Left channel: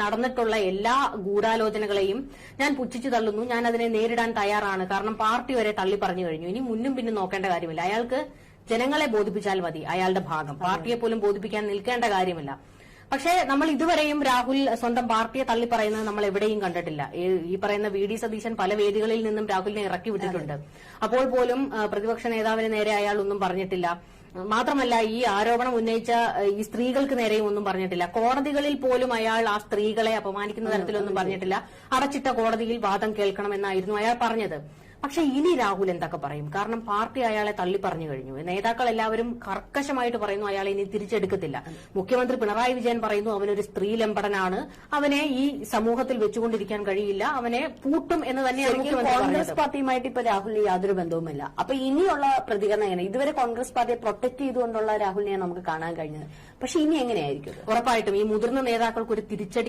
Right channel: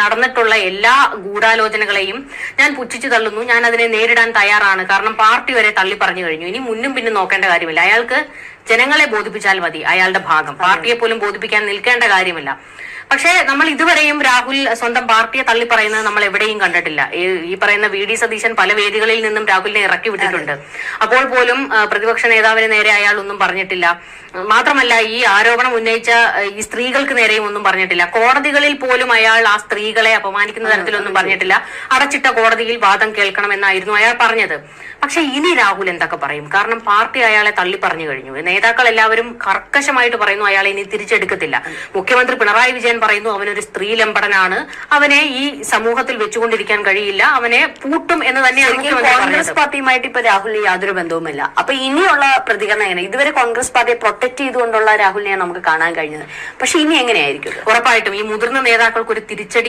നടന്നിട്ടുള്ള എല്ലാ ഗൂഢാലോചനകളെയും ഞാൻ പുച്ഛിച്ചു തള്ളുന്നു. ഞാൻ അതിനെ നേരിടാൻ തയ്യാറാണ്. കാരണം പാർട്ടി വരെ തള്ളി പറഞ്ഞു കഴിഞ്ഞു. ഇനി മുന്നും പിന്നും നോക്കേണ്ട കാര്യമില്ല. അയാൾക്ക് ജനങ്ങളെ ബോധിപ്പിച്ചാൽ മതി. അയാളുടെ ഭാഗം പാർട്ടിയെ പോലും ബോധിപ്പിക്കാൻ നിൽക്കേണ്ട കാര്യമില്ല. പക്ഷേ നമ്മൾ ഇതുവരെയും രാഹുൽ സ്വന്തം പാർട്ടിയെ തള്ളി പറയുന്നത് നമ്മൾ എവിടെയും കണ്ടിട്ടില്ല. ഈ പറയുന്ന വി ഡി സതീശൻ പല വേദികളിൽ നിന്നും രാഹുലിനെ ഇറക്കി വിട്ടിട്ടുണ്ട്. അപ്പോൾ പോലും പ്രതിപക്ഷ നേതാവിന് നേരെ അയാൾ ഒന്നും പറഞ്ഞിട്ടില്ല. മാത്രമല്ല ഈ ആരോപണം ഉന്നയിച്ച ഈ സ്ത്രീകൾക്ക് നേരെയും ഒന്നും പറഞ്ഞിട്ടില്ല. കോടതികളിൽ പോലും അയാൾ ആ സ്ത്രീകളെ അപമാനിക്കുന്ന തരത്തിലൊന്നും പറഞ്ഞിട്ടില്ല. അടച്ചിട്ട കോടതിയിൽ വാദം കേൾക്കണമെന്നായിരുന്നു അയാൾ പറഞ്ഞത്. പക്ഷെ ഇനി രാഹുൽ എന്തൊക്കെ പറയും? കാരണം പാർട്ടി അയാളെ തള്ളി പറഞ്ഞു കഴിഞ്ഞു. നേതാക്കൾ എല്ലാവരും കർക്കശമായിട്ട് പറയുന്നു അയാളെ ഇനി തിരിച്ചെടുക്കത്തില്ല. മുഖ്യമന്ത്രി പിണറായി വിജയൻ പറയുന്നു അവനൊരു സ്ത്രീലമ്പടനാണ്, അവനെ ഈ സമൂഹത്തിൽ വെച്ചുകൊണ്ടിരിക്കാൻ കഴിയില്ല, അവനെ പൂട്ടും എന്ന് തന്നെയാണ്. കോൺഗ്രസ് പാർട്ടിയുമായിട്ട് ഇപ്പൊ രാഹുലിന് യാതൊരു ബന്ധവുമില്ല. അപ്പൊ ഇനിയുള്ള പ്രതികരണം എങ്ങനെ? ഇതുവരെ കോൺഗ്രസ് പാർട്ടിയെ പ്രൊട്ടക്ട് ചെയ്തുകൊണ്ടുള്ള രാഹുലിനെ നമുക്ക് കാണാൻ കഴിഞ്ഞത്. പക്ഷെ ഇനി എങ്ങനെയായിരിക്കും? ഉറപ്പായിട്ടും ഈ മുതിർന്ന നേതാക്കൾക്ക് ഒരു തിരിച്ചടി